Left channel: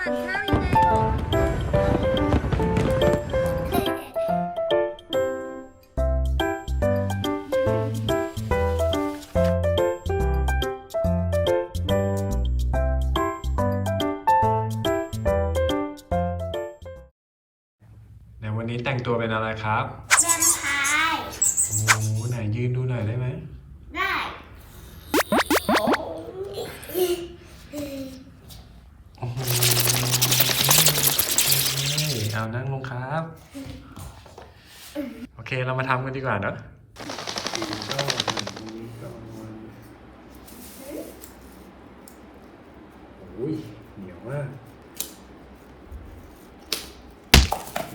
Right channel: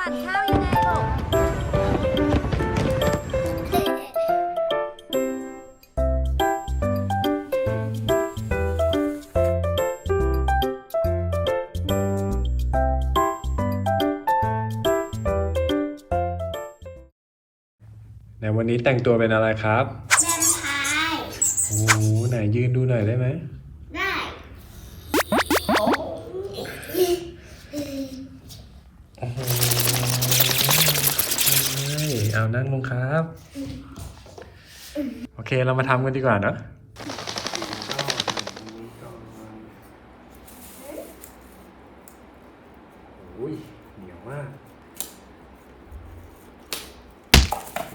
หวานข้าวยังไงหรอนวันนี้แต่งตัวเป็นอะไรครับ แวมไพร์ โอ้โหไหนยืนดูหน่อยได้ไหม โอเคเรามาทำกันดีกว่าเนอะโอ้ยเหนียวมากโอเค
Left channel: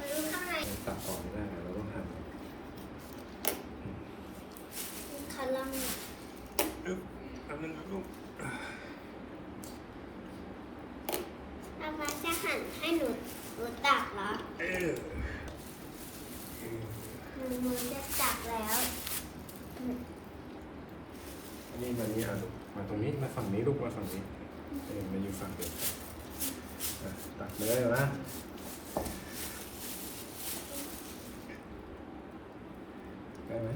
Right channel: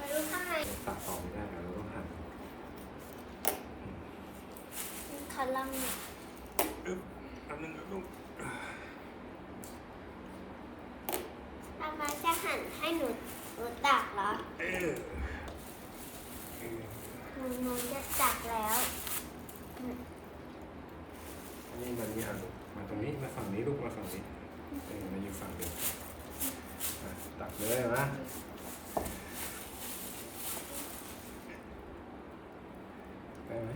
มาดูข้างในตัดต่อไม่ได้อะเราต้องหั่นคันลัง อึ๊บแป๊บนึงครับลูก อามาจะหั่นให้หนูหนูตัก เอออเออหนูหนูจะตักแล้วอันนี้มานี่อะลูกมาตรงนี้มาฝั่งนี้ลูกมาฝั่งนี้เออมาอยู่ฝั่งเดียวกันอะตัดเลยนะได้ไหม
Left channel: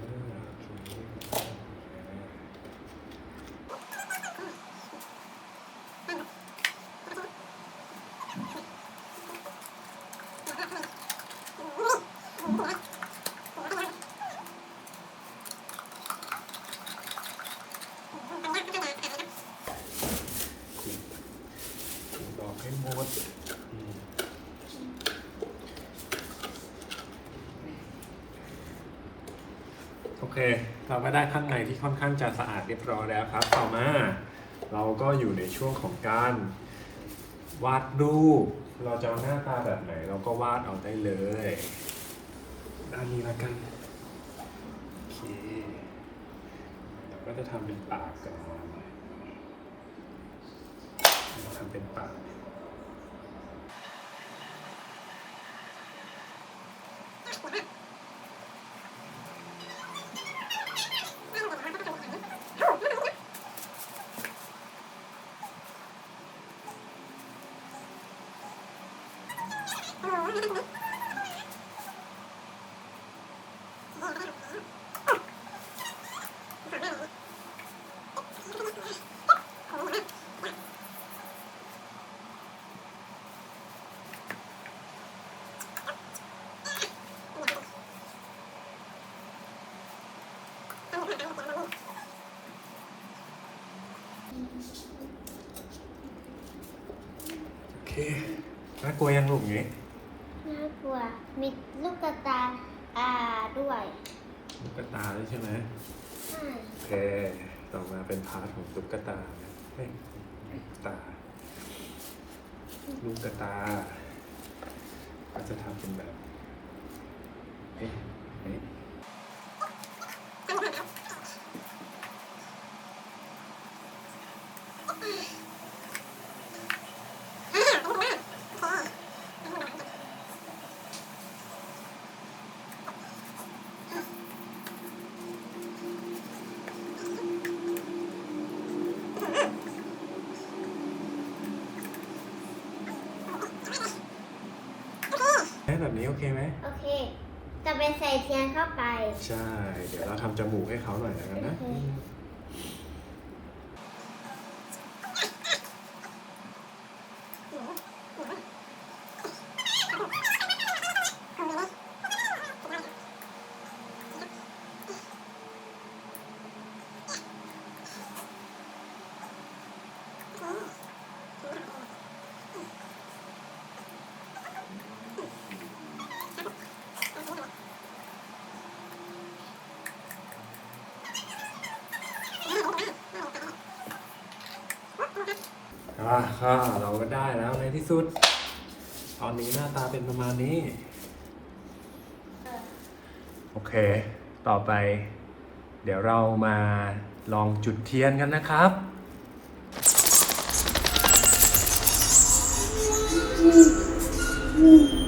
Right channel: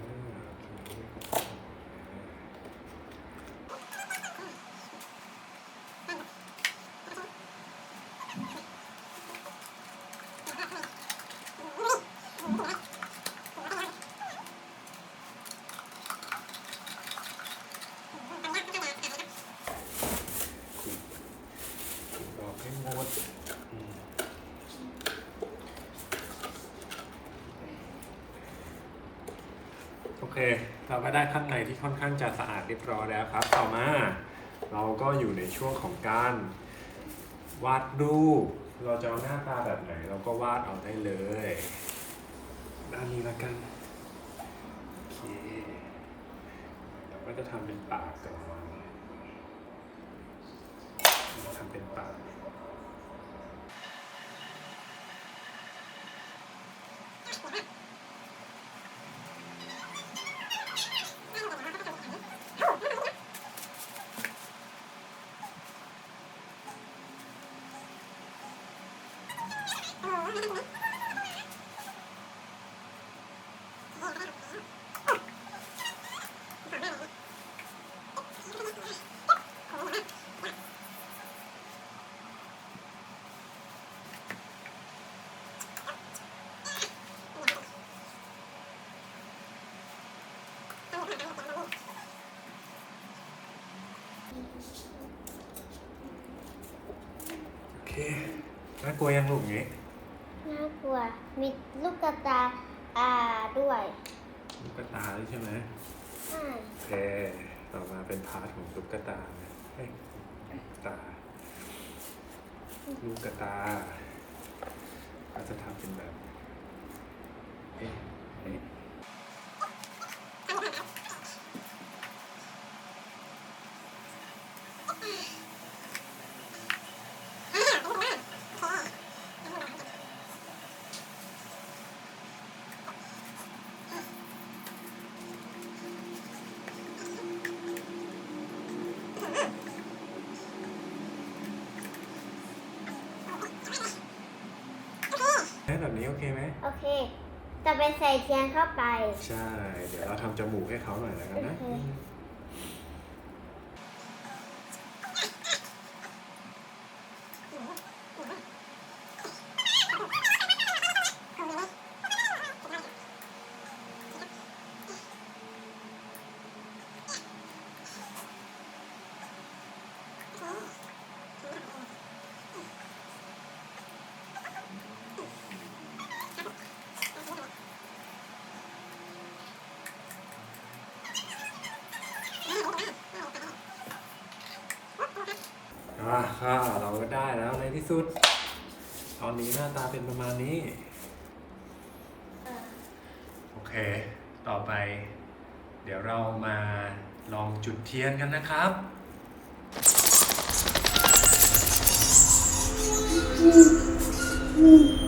เออโอเคถูดอกให้หมดอืม โอเค เราก็ได้ข้างในที่ค่อนข้างจะสะอาดเรียบร้อยแล้วครับ ต่อมาเราก็อยู่ในช่วงของการวาดรูป เราจะเอาหน้าตาแบบไหน เราก็วาดเอาได้เลย ด้านนี้ละกัน โอเค เราก็จะทำเป็นปากก่อนเราทำเป็นปาก Oh, โอเค น่ากลัวยังลูกอย่างนี้ น่ากลัว มีลูกกระตาตาด้วยลูกตาด้วยใช่ไหมอืมโอเค ต่อมาเป็นพาร์ทของลูกตานะเฮ้ยลูกตา ลูกตา ก็จะทำเป็นแบบเอ๊ะเอ๊ะ เอ๊ะแบบนี้โอเคไหมโอเค จะไปใส่เทียนเข้าไป ใช่ เดี๋ยวเราทำจมูกให้เขาหน่อยแล้วกันนะ โอเค อ่าค่ะเราก็ได้แล้วในที่สุด ตอนนี้หน้าตาเป็นประมาณนี้ โอเค ต่อไป เดี๋ยวเรามาลองจุดเทียนกันนะครับอืม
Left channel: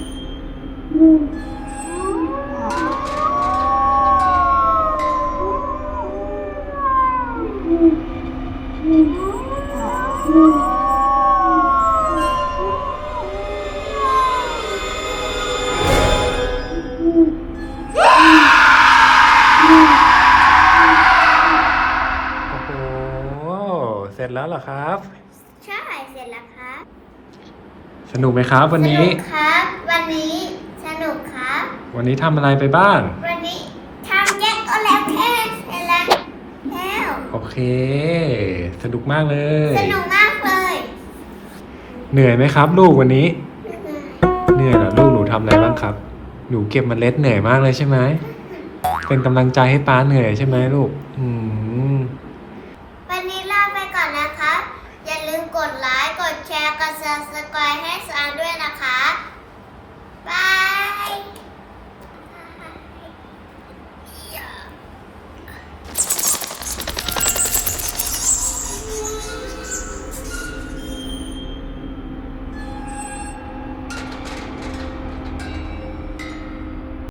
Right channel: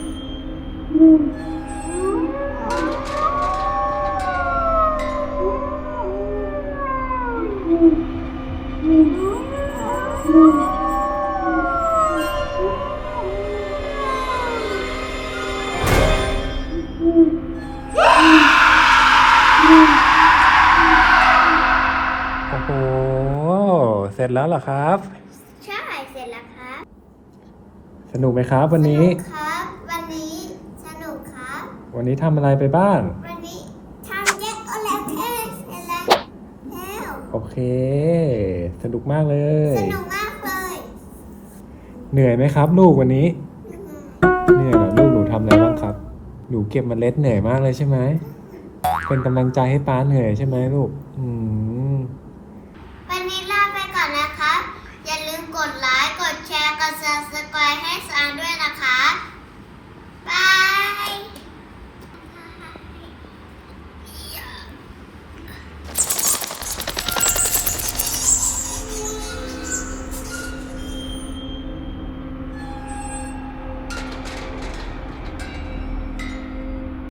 ร็จแล้วเหรอครับ ใช่เสร็จแล้วครับ สนุกไหมครับวันนี้สนุกครับ วันนี้สนุกครับ วันนี้ทำอะไรไปบ้าง วันนี้ทำแยกโอแล้วแค่เสร็จแล้วแล้วโอเค สนุกมากเลย สนุกมากเลยเหนื่อยไหมครับ ลูกวันนี้ เหนื่อยเหรอลูกหนูทำอะไรบ้างครับ หนูเก็บเมล็ดเหนื่อยมากเลยใช่ไหม เป็นกำลังใจให้ป้าเหนื่อยใช่ไหมลูก อืมวันนี้ลาไป ก่อนนะครับอย่าลืมกดไลค์ กดแชร์ กด subscribe ให้สานด้วยนะคะ บาย